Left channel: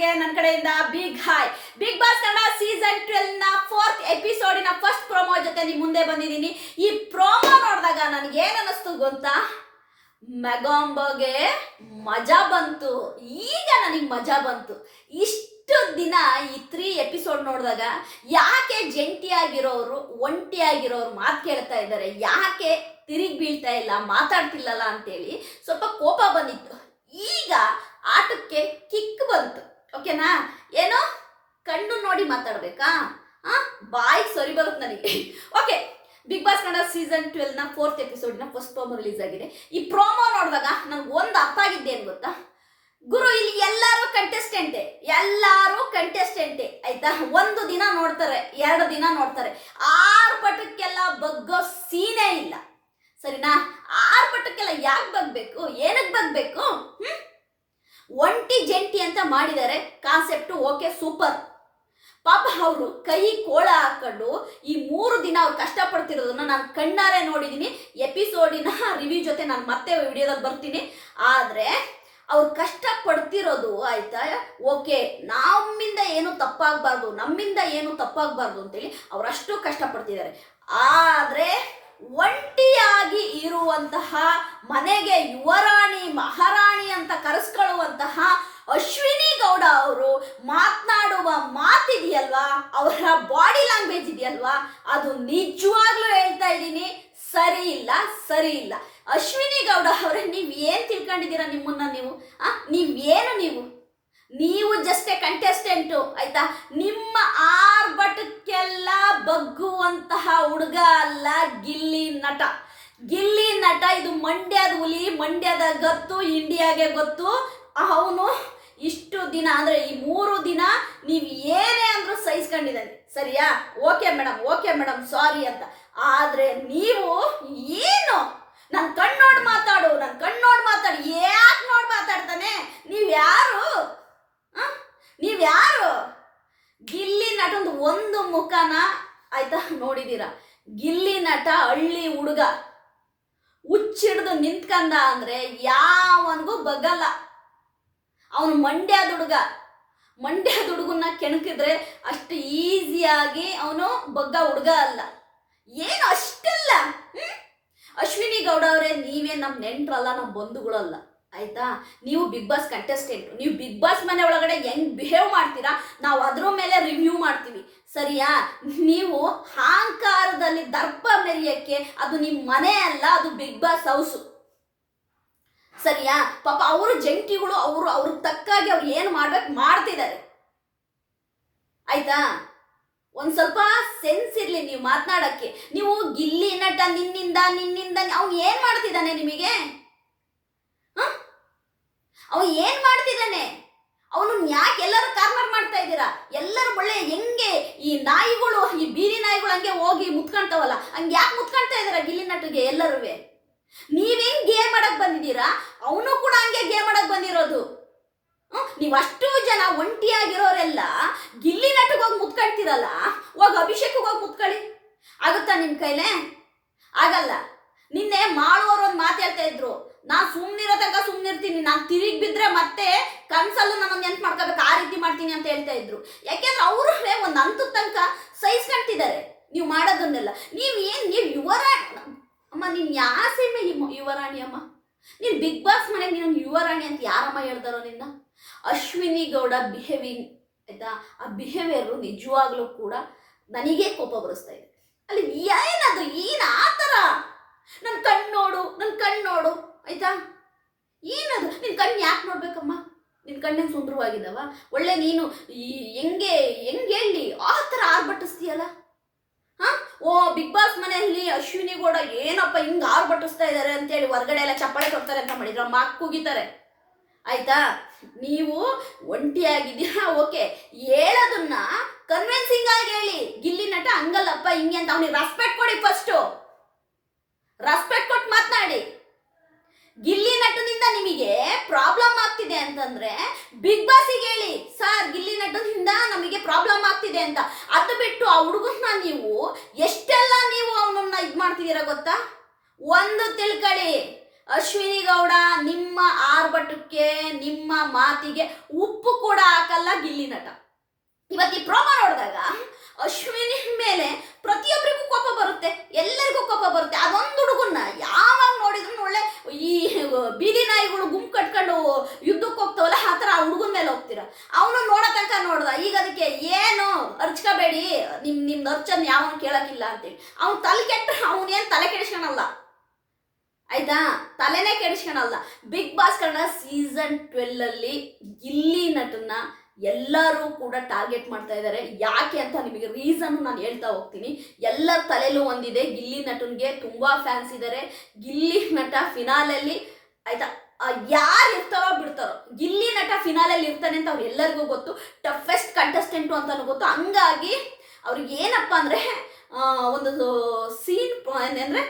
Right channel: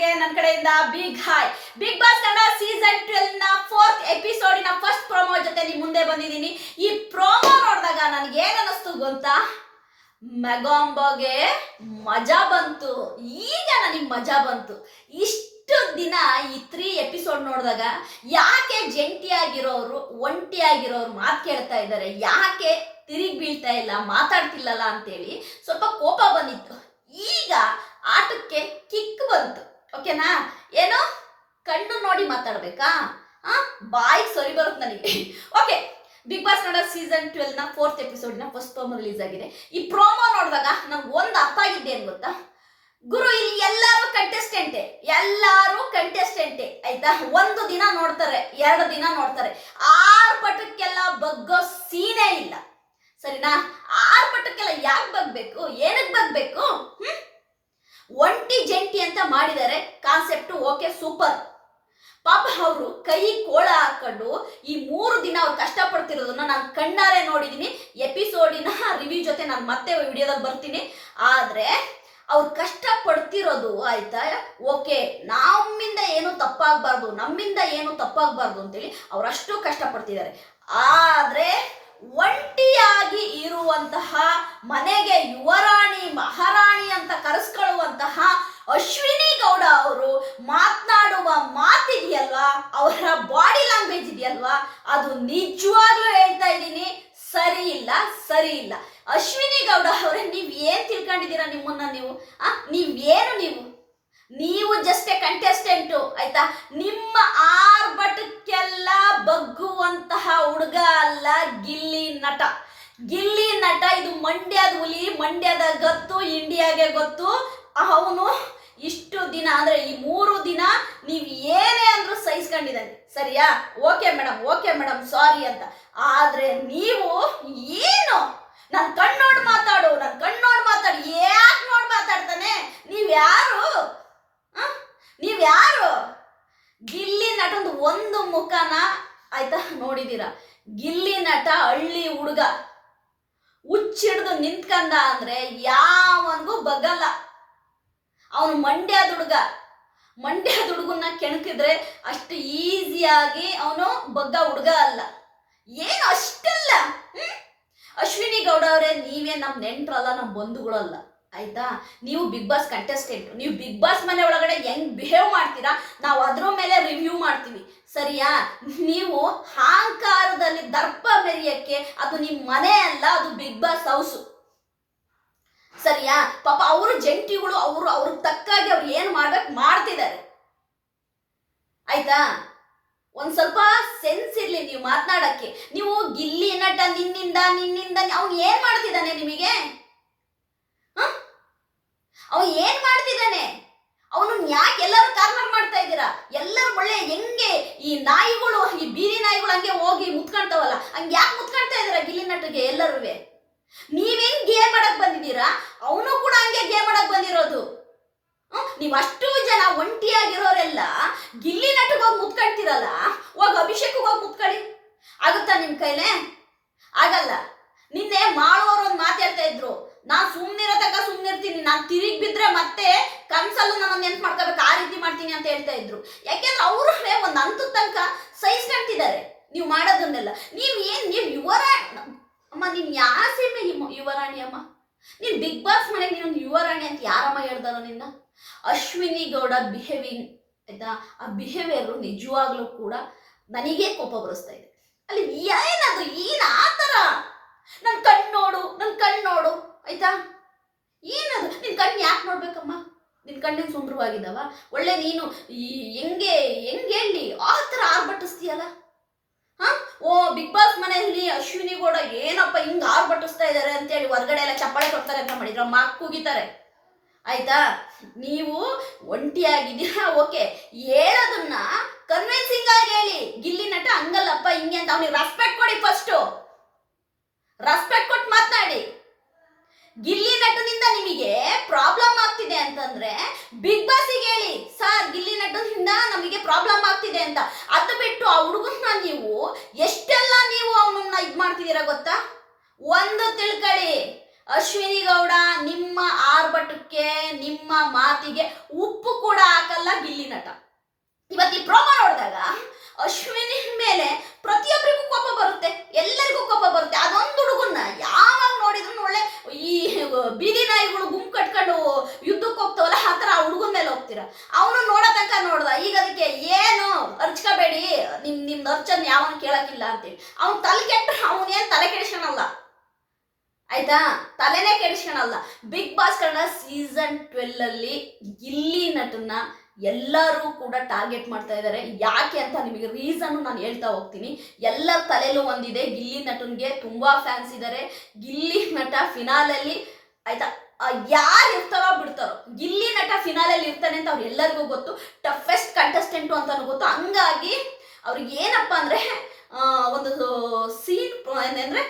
ವ್ಯೂವರ್ಸ್ಗೆ ನನ್ನ ಕಡೆಯಿಂದ big hi Bigg Boss Kannada season ಟ್ವೆಲ್ನ fourth ಎಪಿಸೋಡಿನ ಫಸ್ಟ್ ಪ್ರೋಮೋ ಜೊತೆ ನಿಮ್ ಮುಂದೆ ಬಂದಿದ್ದೀನಿ. ಈ ಪ್ರೋಮೋ ನೋಡಿದಾಗ ನನಗೆ ಏನ್ ಅನ್ನಿಸ್ತು ಗೊತ್ತಾ? ಮೆಗಾಂಬಗೆ ಮಜಾ ಬಂತು. ಈಗ ನನಗೆ ಮಜಾ ಬಂತು. ಇಷ್ಟು ದಿನ ಈ ತ್ರೀ ಎಪಿಸೋಡ್ ನೋಡಿದಾಗ ಯಾಕೆ ಜಂಟಿಯಾಗಿರೋರು ಒಂಟಿಯಾಗಿರೋರು ಮಾತು ಕೇಳ್ತಾ ಇದ್ದಾರೆ? ಯಾಕೆ ತಿರುಗಿ ಬೀಳ್ತಾ ಇಲ್ಲ, ಮಾತಾಡ್ತಿಲ್ಲಲ್ಲ ಅಂತೇಳಿ ಸ್ವಲ್ಪ ಕೋಪ ಬಂದಿತ್ತು ಈಗ ಆಟಕ್ಕೆ ಕಿಕ್ ಬಂತು ಓಕೆನಾ? ಏನು? ಕಣ್ಣು ನೋಡಿ ಮಾತಾಡ್ಬೇಕಾ? ಆ? ಬಾಯಿಗೆ ಸರಿ ಬರುತ್ತೆ ನನಗೆ. Okay Bigg Boss Kannada season ಟ್ವೆಲ್ನ fourth ಎಪಿಸೋಡ್ನ ಫಸ್ಟ್ ಪ್ರೋಮೋ ರಿಲೀಸ್ ಆಗಿದೆ. ಈ ಪ್ರೋಮೋ ನೋಡಿದಾಗ ನನ್ಗೆ ಒಂದು ಅರ್ಥ ಆಗಿದ್ದೆ ಏನ್ ಗೊತ್ತಾ? ಗುರು, ಇಲ್ಲಿ ಎಲ್ಲರೂ ಕಂಟೆಸ್ಟೆಂಟೆ ಎಲ್ಲರೂ ಕಂಟೆಸ್ಟೆಂಟೆ ಆಯ್ತಾ? ಒಂದು ದಿನ ನೋಡ್ತಾರೆ, ಎರಡು ದಿನ ನೋಡ್ತಾರೆ. ಆರು ಪಟಕ್ಕೆಲ್ಲ ಬಗ್ಗೋ ಸೀನೇ ಇಲ್ಲ. ಸರಿನಾ? ಆರು ಪಟಕ್ಕೆಲ್ಲ ಯಾಕೆ ಬಗ್ಬೇಕು? ಏನಕ್ಕೆ ಬಗ್ಬೇಕು? ಹ್ಮ್? ಒಂಟಿ ಜಂಟಿ ಅಂತ ಮಾಡಿದ್ದಾರೆ ಕಾನ್ಸೆಪ್ಟ್ ಓಕೆ ಸೂಪರ್ ಪಾಪ ಅವರು ಕೈ ಕೋಳ ಹಾಕೊಂಡು ಈ ಮೂರು ದಿನ ಅವ್ರು ಕಷ್ಟಪಡ್ತಿರೋದನ್ನ ನಾನು ಕಣ್ಣಾರೆ ನೋಡಿದ್ದೀನಿ ಎಪಿಸೋಡಿನ ರಿವ್ಯೂ ಜೊತೆ ನಾನು ಮತ್ತೆ ವಿಡಿಯೋದಲ್ಲಿ ಬರ್ತೀನಿ. ಆದರೆ ಅವ್ರು ಕಷ್ಟ ಪಡ್ತಿರೋದು ಆಯ್ತಾ? ಓಕೆ ನಮ್ಮಿಂದ ಏನು ತಪ್ಪಾಗಬಾರ್ದು, ನಮ್ಮಿಂದ ಏನು ತಪ್ಪಾಗಬಾರ್ದು ಅಂತೇಳಿ ಅವರಷ್ಟು ಕಷ್ಟಪಡ್ತಿದ್ದಾರೆ. ಆದರೆ ಒಂಟಿಯಾಗಿ ಇರುವಂತಹ ಮನೆಗೆ ಯುವರಾಣಿ, ಮಹಾರಾಣಿ ಅಂತ ಕರೆಸ್ಕೊಳ್ಳುವಂತಹ ಅಶ್ವಿನಿ ಗೌಡ ಅವರು ಮಾತನಾಡುವ ಮಾತಿದೆಯಲ್ವಾ? ಅವರ ಬಾಡಿ ಲ್ಯಾಂಗ್ವೇಜ್ ಇದೆಯಲ್ವಾ? ಅದು ನಿಜವಾಗ್ಲೂ ಹೇಳ್ತಾ ಇದ್ದೀನಿ, ಸರಿ ಇಲ್ಲ ಸರಿ ಇಲ್ಲ. ಅಶ್ವಿನಿ ಗೌಡ ಅವರೇ, ನೀವು ಏನು ತಿಳ್ಕೊಂಡಿದ್ದೀರಾ ನಿಮ್ಮನ್ನ ನೀವು? ಆ ನೀವೇನು ನೀವು? ನೀವು ಜಸ್ಟ್ ಕಂಟೆಸ್ಟೆಂಟು ಆಯ್ತಾ? ನಿಮ್ಮ ಆರ್ಭಟಕ್ಕೆಲ್ಲ ಬಗ್ಗುವಂತಹ ಹುಡುಗ ಅಲ್ಲ ಗಿಲ್ಲಿ ನಟ. ಗಿಲ್ಲಿ ನಟ, ಇದು ಮಂಡ್ಯದ ಹುಲಿ, ಮಂಡ್ಯದ ಗೊತ್ತು, ಇಂಡಿಯಾಗೆ ಗೊತ್ತು. ಅವನು ಇಷ್ಟು ದಿನ, ಅಂದ್ರೆ ಈ ಮೂರು ದಿನ ನೀವು ಏನೇ ಅಂದ್ರೂ ಸಹಿಸ್ಕೊಂಡಿದ್ದಾನೆ. ಸರಿಯಾ? Okay madam okay madam sorry ಅಂತ. ಆದ್ರೆ ನೀವು ಏನು? ನನ್ನ ಕಣ್ಣೋಡ್ ಮಾತಾಡು ನನ್ನ ಕಣ್ಣೋಡ್ ಮಾತಾಡು, ಯಾಕೆ ನೋಡಿ ಮಾತಾಡ್ತಾನೆ? ನೀವು ಯಾರು ಆ? ನೀವ್ ಯಾರು ಗಿಲ್ಲಿ ನಟಂದು ಒಂದು ಮುಖನ ಆಯ್ತಾ ನೋಡಿದೀರ? ಗಿಲ್ಲಿ ನಟ, ಹಳ್ಳಿ ಹುಡುಗ. ಹುಚ್ಚಿಡ್ದು ನಿಂತ್ಕಂದ ಅಂದ್ರೆ ಯಾವನ್ಗೂ ಬಗ್ಗಲ್ಲ. ಅವನು ಮಂಡ್ಯದ ಹುಡುಗ. ಮಂಡ್ಯದ ಹುಡುಗನ್ನ ಕೆಣಕಿದ್ರೆ ಅಷ್ಟು ಈಸಿಯಾಗಿ ಅವನು ಬಗ್ಗ ಹುಡುಗ ಅಲ್ಲ. ಏನು ಅಷ್ಟಲ್ಲ ಅಶ್ವಿನಿ ಗೌಡ ಅವರೇ, ನೀವೇ ನಮ್ಮ ನೆಂಟ್ರಲ್ಲ ನಮ್ಮ ಬಂಧುಗಳಲ್ಲ. ಆಯ್ತಾ? ನೀವು ಬಿಗ್ ಬಾಸ್ ಕಂಟೆಸ್ಟೆಂಟ್ ನೀವು ಬಿಗ್ ಬಾಸ್ ಮನೆ ಒಳಗಡೆ ಹೆಂಗ್ ಬಿಹೇವ್ ಮಾಡ್ತೀರಾ? ನಾವು ಅದ್ರ ಮೇಲೆ ರಿವ್ಯೂ ಮಾಡ್ತೀವಿ. ಸರಿಯಾ? ನೀವು ಅಹಂಕಾರದಲ್ಲಿ ದರ್ಪ ಮೆರೆಯಕ್ಕೆ ಅದು ನಿಮ್ಮ ಮನೆ ಅಲ್ಲ, ಅದು ಬಿಗ್ ಬಾಸ್ ಹೌಸು ಸರಿಯಾ? ಪಾಪ ಅವರು ಜಂಟಿಗಳು, ಅವರು ಅವ್ರಿಗೆ ತಕ್ಕಾಗಿ ಅವ್ರು ಏನು ಮಾಡ್ಬೇಕು ಮಾಡ್ತಿದ್ದಾರೆ. ಆಯ್ತಾ? ಒಂದ್ ಸ್ವಲ್ಪ ಸೆನ್ಸ್ ಇರ್ಲಿ ನೀವು ಮಾತನಾಡಕ್ಕೆ. ನೀವು ಗಿಲ್ಲಿ ನಟ ನಿನ್ನಿಂದ ನಿನ್ನಿಂದ ಅವ್ನು ಏನ್ ಮಾಡ್ತಿದ್ದಾನೆ ನಿಮಗೆ? ಅವ ಏನ್ ಮಾಡ್ತಿದ್ದಾನೆ? ಅವನು ಯಾಕೆ ಎಲ್ಲರೂ ಕಾರ್ನರ್ ಮಾಡ್ತಾ ಇದ್ದೀರಾ? ಎಲ್ಲರೂ ಒಳ್ಳೆ ಹೆಂಗೆ ಈ ನಾಯಿಗಳು, ಈ ಬೀದಿ ನಾಯಿಗಳು ಹಂಗೆ ಹೋಗಿ ಮುತ್ಕೊಂತಾವಲ್ಲ? ಹಂಗೆ ಯಾಕೆ ಮುತ್ಕೊಳ್ತಾ ಇದ್ದೀರಾ ಗಿಲ್ಲಿ ನಟಗೆ ಎಲ್ಲರೂ ನೀವೇನ್ ಗೇ ಮಾಡಕ್ ಬಂದಿದ್ದೀರಾ? ಅವನು ಕೂಡ ಹಂಗೆ ಗೇ ಮಾಡಕ್ ಬಂದಿರೋದು. ನೀವು ಅಷ್ಟು ಜನ ಒಂಟಿಯಾಗಿರೋರೆಲ್ಲ ಗಿಲ್ಲಿ ನಟಿಗೆ ಹೋಗಿ ಮುತ್ಕೊಳ್ತೀರಲ್ಲ ಹೋಗಿ ಅಭಿಷೇಕ್ ಹೋಗಿ ಮುತ್ಕೊಳ್ಳಿ. ಆಗುತ್ತಾ ನಿಮ್ಮ ಕೈಲೇ? ಆಗಲ್ಲ ನಿನ್ನೆ ಮಾಡುವವರು ಒಂದು ಮಾತು ಹೇಳ್ತಾ ಇದ್ರು ನಾನ್ ಸುಮ್ನಿರೋ ತನಕ ಸುಮ್ನಿರ್ತೀನಿ. ನಾನು ತಿರುಗಿ ಬಿದ್ರೆ ಮತ್ತೆ ಕನ್ಸಲ್ಲೂ ನಾನು ನೆನ್ಪು ಮಾಡ್ಕೋಬೇಕು. ಆ ರೀತಿ ಮಾಡ್ತೀನಿ ಅಂತ ಹೇಳ್ತಾ ಇದ್ರು. ಯಾಕೆಂದ್ರೆ ಅವರು ಒಂದು ಹಂತದ ತನಕ ಸಹಿಸ್ಕೊಂತಿದ್ದಾರೆ ನೀವು ಮಾಡೋದನ್ನೆಲ್ಲ. ನೀವು ಏನು ನೀವು ಯುವರ ಅಮ್ಮ, ನೀನು ಯಾವ ಸೀಮೆ ಯುವ- ಯುವರಾಣಿ ಅಮ್ಮ. ನೀನು ಬಿಗ್ ಬಾಸ್ ಮನೆಗೆ ನೀನು ಯುವರಾಣಿ ಅಂತ ಯಾರಮ್ಮ ಹೇಳ್ತಾರೋ ನಿನ್ನ? ಅಶ್ವಿನಿ ಗೌಡ ಬಿಹೇವಿಂಗ್ ಆಯ್ತಾ? ಆ ಬಿಹೇವಿಯರು ನಿಜವಾಗ್ಲೂ ಕೂಡ ನನಗೆ ಕೋಪ ಬರಿಸ್ತಾ ಇದೆ. ಅಲ್ಲಿ ಏನದು ಏನು ಆ ಥರ ನನ್ನ ಕಣ್ಣು ನೋಡು ನನ್ನ ಕಣ್ಣು ನೋಡು. ಆಯ್ತಾ? ಏನದು? ನಿನ್ ಕಣ್ಣು ಯಾಕೆ ನೋಡ್ಬೇಕಮ್ಮ? ನಿನ್ ಕಣ್ಣೇನು ಸುಂದರವಾಗಿದ್ದಾವ? ಒಳ್ಳೆ ನೀನು ಈ ಹೆಂಗೆ ಹೆಂಗೆ ಹೇಳಿ? ಆ ಥರ ಆರ್ಭಟಿಸ್ತೀಯಲ್ಲ? ಹಾಂ? ಓ, ಬಿಗ್ ಬಾಸ್ ಮನೆಯಲ್ಲಿ ಅಶ್ವಿನಿ ಗೌಡ ಏನಪ್ಪ ಹಿಂಗೆ ಆರ್ಭಟಿಸ್ತಾ ಇದ್ದಾರೆ ಅಂತೇಳಿ ಹೊರಗಡೆ ಎಲ್ಲ ಚಪ್ಪಾಳೆ ಕೊಡ್ತಾರೆ ಅಂತ ಮಾಡಿದ್ರೆ. ಮಾಕ್ ಕೂಗಿತಾರೆ ಆಯ್ತಾ? ನೀವು ಒಂಟಿಯಾಗಿದ್ದೀರಾ? ಓಕೆ. ಹೇಳೋದನ್ನ ಕನ್ವಿನ್ಸಿಂಗ್ ಆಗಿ ಹೇಳಿ. ಗಿಲ್ಲಿ ನಟ ಹಂಗಲ್ಲಪ್ಪ, ಹಿಂಗೆ ಅಂತ. ಅವನಿಗೆ ರೆಸ್ಪೆಕ್ಟ್ ಕೊಡಿ ಫಸ್ಟು ರೆಸ್ಪೆಕ್ಟ್ ಕೊಟ್ಟು ಮಾತನಾಡಿ. ಗಿಲ್ಲಿ ನಟನಿಂದ ನಿಮಗೆ ಪ್ರಾಬ್ಲಮ್ ಆಗ್ತಿದೆ ಅಂತಂದ್ರೆ ಬಿಗ್ ಬಾಸಿಗೆ ಹೇಳಿ, ಸರ್, ಗಿಲ್ಲಿ ನಟನಿಂದ ನಮಗೆ ಪ್ರಾಬ್ಲಮ್ ಆಗ್ತಿದೆ ಅಂತ. ಅದು ಬಿಟ್ಟು ಆ ಹುಡುಗನ್ನ ನೀವು ಎಷ್ಟೆಲ್ಲ ನೀವು ಅವನನ್ನ ಇದು ಮಾಡ್ತಿದ್ದೀರಾ ಗೊತ್ತಾ? ಒಂದು ತಿಳ್ಕೊಳ್ಳಿ ಅಶ್ವಿನಿ ಗೌಡ ನಿಮ್ಮ ಆರ್ಭಟಕ್ಕೆ, ನಿಮ್ಮ ಮಾತಿಗೆ ಉಪ್ಪು ಕೂಡ ಹಾಕಲ್ಲ ಗಿಲ್ಲಿ ನಟ. ಇವತ್ತು ಈ ಪ್ರೋಮೋ ನೋಡಿದಾಗ ಅಶ್ವಿನಿ ಮೇಲೆ ಪ್ರತಿಯೊಬ್ಬರಿಗೂ ಕೋಪ ಬರುತ್ತೆ, ಎಲ್ಲರಿಗೂ ಕೋಪ ಬರುತ್ತೆ. ಅದೊಂದು ಹುಡುಗನ್ನ ಒಳ್ಳೆ ಈ ಬೀದಿ ನಾಯಿಗಳು ಗುಂಪು ಕಟ್ಕೊಂಡು ಯುದ್ಧಕ್ಕೆ ಹೋಗ್ತಾವಲ್ಲ, ಆ ಥರ ಹುಡುಗನ ಮೇಲೆ ಹೋಗ್ತೀರ? ಅವನು ನೋಡೋ ತನಕ ನೋಡ್ದ. ಈಗ ಅದಕ್ಕೆ ಏನು ಅರ್ಚ್ಕೋಬೇಡಿ. ನಿಮ್ಮ ನಿಮ್ದು ಅರ್ಚನ್ ಯಾವನು ಕೇಳೋಕ್ಕಿಲ್ಲ ಅಂತೇಳಿ. ಅವ್ನು ತಲೆ ಕೆಟ್ಟರೆ ಅವನೇನು ತಲೆ ಕೆಡಿಸ್ಕೊಳಲ್ಲ ಆಯ್ತಾ? ತಲೆನೇ ಕೆಡಿಸ್ಕೊಳಲ್ಲ Bigg Boss Kannada season twelve ಅಲ್ಲಿ ಗಿಲ್ಲಿ ನಟನ್ನ ಎಲ್ಲರೂ ಕೂಡ ಟಾರ್ಗೆಟ್ ಮಾಡ್ತಾ ಇದ್ದಾರೆ. ಯಾಕೆ ಅಂತ ನಿಮಗೆ ರೀಸನ್ ನಾನು ಹೇಳ್ತಾ ಹೋಗ್ತೀನಿ. ಎಲ್ಲರ ತಲೆಯಲ್ಲೂ ಒಂದಿದೆ. ಗಿಲ್ಲಿ ನಟನ್ಗೆ ತುಂಬಾ ಫ್ಯಾನ್ಸ್ ಇದ್ದಾರೆ ಗಿಲ್ಲಿ ನಟ ಫಿನಾಲಲ್ಲಿ ಆಯ್ತಾ? ಯಾರು ಇರ್ತಾವ ಬಿಡ್ತಾರೋ. ಗಿಲ್ಲಿ ನಟ ಫಿನಾಲಲ್ಲಿ ಇರ್ತಾನೆ ಅಂತ ಅವ್ರು ಎಲ್ಲರಿಗೂ ಗೊತ್ತು. ಟಫೆಸ್ಟ್ ಕಂಟೆಸ್ಟೆಂಟು ಅಂತಲೂ ಗೊತ್ತು. ಹಂಗಾಗಿ ಅವ್ರಿಗೆ ಏನಪ್ಪ ಅಂದರೆ ಒಂದು ಸೀನ್ ಏನಂದ್ರೆ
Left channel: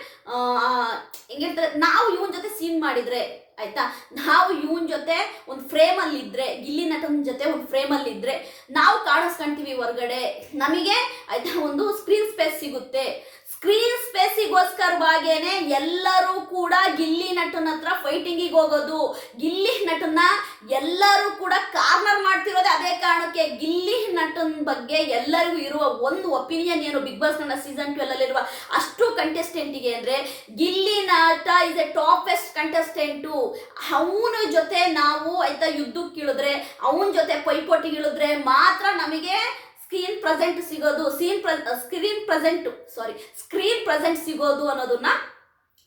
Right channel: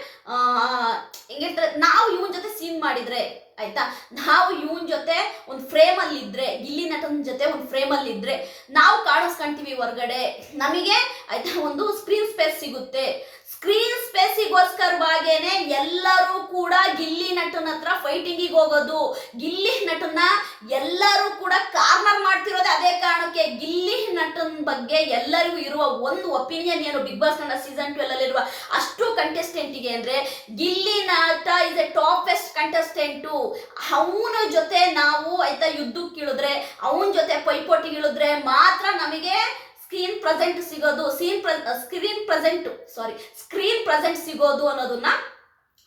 ಹೆಂಗೆ ಹೇಳ್ತಾರೆ ನಾವು ಇವನ್ ಜೊತೆ ಸೀನ್ ಮಾಡಿದ್ರೆ ಆಯ್ತಾ? ನಾವು ಇವನ್ ಜೊತೆ ಒಂದು ಫ್ರೇಮಲ್ಲಿ ಇದ್ರೆ ಗಿಲ್ಲಿ ನಟನ್ ಜೊತೆ ಒಂದು ಫ್ರೇಮಲ್ಲಿ ಇದ್ರೆ ನಾವು ಕಾಣಿಸ್ಕೊಂತೀವಿ ಹೊರಗಡೆ. ನಮಗೆ ಆಯ್ತಾ, ಒಂದು ಸ್ಕ್ರೀನ್ ಸ್ಪೇಸ್ ಸಿಗುತ್ತೆ. ಸ್ಕ್ರೀನ್ ಸ್ಪೇಸಿಗೋಸ್ಕರವಾಗೇನೆ ಎಲ್ಲರೂ ಕೂಡ ಗಿಲ್ಲಿ ನಟನ ಹತ್ರ ಫೈಟಿಂಗಿಗೆ ಹೋಗೋದು. ಗಿಲ್ಲಿ ನಟನ ಎಲ್ಲರೂ ಕೂಡ ಕಾರ್ನರ್ ಮಾಡ್ತಿರೋದೇ ಅದೇ ಕಾರಣಕ್ಕೆ ಗಿಲ್ಲಿ ನಟನ್ ಬಗ್ಗೆ ಎಲ್ಲರಿಗೂ ಇರುವ ಒಂದು ಒಪಿನಿಯನ್ ಏನು Bigg Boss Kannada season twelve ಅಲ್ಲಿರುವ ಅಷ್ಟು ಕಂಟೆಸ್ಟೆಂಟಿಗೆ ಅಂದ್ರೆ ಗಿಲ್ಲಿ ನಟ ಇಸ್ ಎ ಟಾಪೆಸ್ಟ್ ಕಂಟೆಸ್ಟೆಂಟು ಅವನ ಜೊತೆ ನಾವು ಆಯ್ತಾ ಯುದ್ಧಕ್ಕೆ ಇಳಿದ್ರೆ, ಅವನ ಜೊತೆ ಪೈಪೋಟಿಗೆ ಇಳಿದ್ರೆ ಮಾತ್ರ ನಮಗೆ ಸ್ಕ್ರೀನ್ ಪ್ರೆಸೆಂಟ್ ಸಿಗೋದು scene screen present sorry screen present ಸಿಗೋದು ಅನ್ನೋದನ್ನ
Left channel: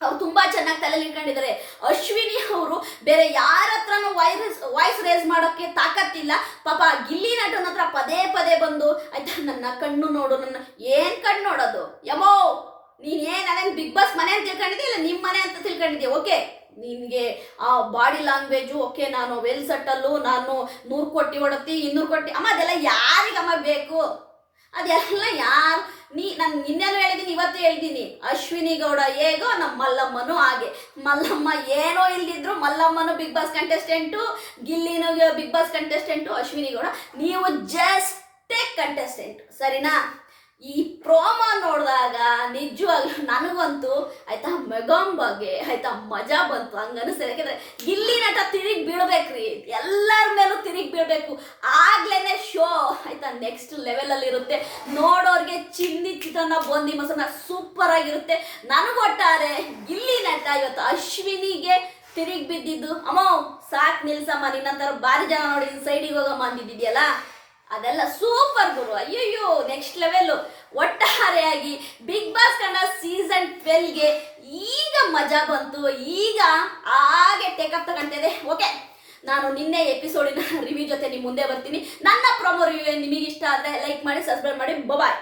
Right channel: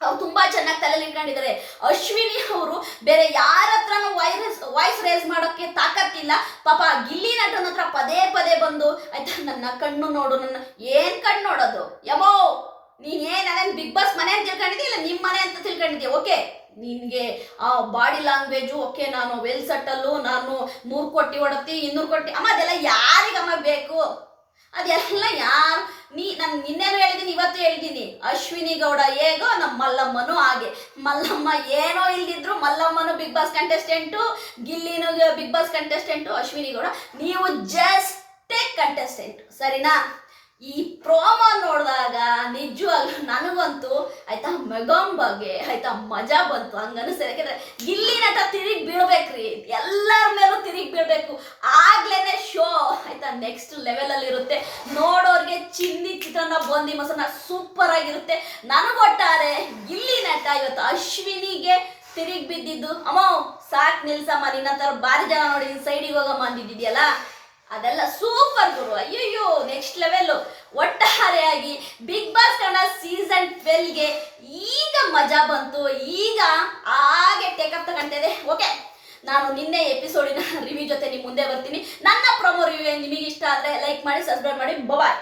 ಅವ್ರು ತುಂಬಾ ಚೆನ್ನಾಗಿ ತಲೆಯಲ್ಲಿ ಇಟ್ಕೊಂಡಿದ್ದಾರೆ. ಅಶ್ವಿನಿ ಅವರು ಬೇರೆ ಯಾರ ಹತ್ರನೂ ವಾಯ್ಸ್ ವಾಯ್ಸ್ ರೇಸ್ ಮಾಡೋಕ್ಕೆ ತಾಕತ್ತಿಲ್ಲ. ಪಾಪ ಗಿಲ್ಲಿ ನಟನ ಹತ್ರ ಪದೇ ಪದೇ ಬಂದು, ಆಯ್ತಾ ನನ್ನ ಕಣ್ಣು ನೋಡು, ನನ್ನ ಏನ್ ಕಣ್ಣು ನೋಡೋದು? ಯಮೋ! ನೀನ್ ನನ್ನ ಬಿಗ್ ಬಾಸ್ ಮನೆ ಅಂತ ತಿಳ್ಕೊಂಡಿದ್ದೆ ಇಲ್ಲ ನಿಮ್ಮ ಮನೆ ಅಂತ ತಿಳ್ಕೊಂಡಿದ್ದೆ ಓಕೆ ನಿನಗೆ ಆ ಬಾಡಿ ಲ್ಯಾಂಗ್ವೇಜು ಓಕೆ ನಾನು ವೆಲ್ ಸೆಟ್ಟಲ್ಲು ನಾನು ನೂರು ಕೋಟಿ ಹೊಡತಿ ಇನ್ನೂರು ಕೋಟಿ, ಅಮ್ಮ ಅದೆಲ್ಲ ಯಾರಿಗಮ್ಮ ಬೇಕು? ಅದೆಲ್ಲ ಯಾರು? ನೀ ನಾನು ನಿನ್ನೇನು ಹೇಳಿದ್ದೀನಿ, ಇವತ್ತು ಹೇಳ್ತೀನಿ ಅಶ್ವಿನಿ ಗೌಡ ಹೇಗೋ ನಮ್ಮ ಮಲ್ಲಮ್ಮನೂ ಹಾಗೆ. ಮಲ್ಲಮ್ಮ ಏನೋ ಇಲ್ದಿದ್ರು ಮಲ್ಲಮ್ಮನು Bigg Boss contestant ಗಿಲ್ಲಿನೂ Bigg Boss contestant Ashwini Gowda, ನೀವು ಜಸ್ಟೇ ಕಂಟೆಸ್ಟೆಂಟ್ ಸರಿನಾ? ಈ ನಿಜವಾಗ್ಲೂ ನನಗಂತೂ ಆಯ್ತಾ ಮೆಗಮ್ ಬಗ್ಗೆ ಆಯ್ತಾ ಮಜಾ ಬಂತು ಹಂಗ ಅನಿಸ್ತದೆ ಯಾಕಂದ್ರೆ ಗಿಲ್ಲಿ ನಟ ತಿರುಗಿ ಬೀಳ್ಬೇಕ್ರಿ, ಎಲ್ಲರ ಮೇಲೂ ತಿರುಗಿ ಬೀಳ್ಬೇಕು. ಆಗ್ಲೇನೆ ಶೋ ಆಯ್ತಾ ನೆಕ್ಸ್ಟ್ ಲೆವೆಲ್ ಅಲ್ಲಿ ಇರುತ್ತೆ. ನೋಡೋರ್ಗೆ ಚಿನ್ನಿ ಚಿತ್ರಾನ್ನ ಬಂದಿ ಮೊಸರನ್ನ ಸೂಪರ್ ಆಗಿರುತ್ತೆ. ನನಗೊಟ್ಟಾರೆ ಇಲ್ಲಿ ನಟ ಇವತ್ತು ಅಶ್ವಿನಿಗೆ ತಿರುಗಿ ಬಿದ್ದಿದ್ದು. ಅಮ್ಮ, ಸಾಕ್ ನಿಲ್ಸಮ್ಮ ನಿನ್ನ ಬಾರಿ ಜನ ನೋಡಿ ಸೈಡಿಗೆ ಹೋಗಮ್ಮ ಅಂದಿದ್ದಿದ್ಯಲ್ಲ? ಅದೆಲ್ಲ ಸೂಪರ್ ಗುರು. ಅಯ್ಯಯ್ಯೋ ನೆಕ್ಸ್ಟ್ ಲೆವೆಲ್ ಒಟ್ಟಾರೆಯಾಗಿ ಬಿಗ್ ಬಾಸ್ ಕನ್ನಡ ಸೀಸನ್ ಟ್ವೆಲ್ಗೆ ಈಗ ಮಜಾ ಬಂತು. ಈಗ ಹಾಗೆ ಟೇಕಪ್ ಇದೆ. ಓಕೆ ನಾನು ನಿನ್ನೆ ಎಪಿಸೋಡಿನ ರಿವ್ಯೂ ಜೊತೆ ನಿಮ್ಮ ಮುಂದೆ ಬರ್ತೀನಿ. ನನ್ನ ಪ್ರೊಮೋ ರಿವ್ಯೂ ನಿಮಗೆ ಇಷ್ಟ ಆದರೆ ಲೈಕ್ ಮಾಡಿ ಸಬ್ಸ್ಕ್ರೈಬ್ ಮಾಡಿ. ಬಾಯ್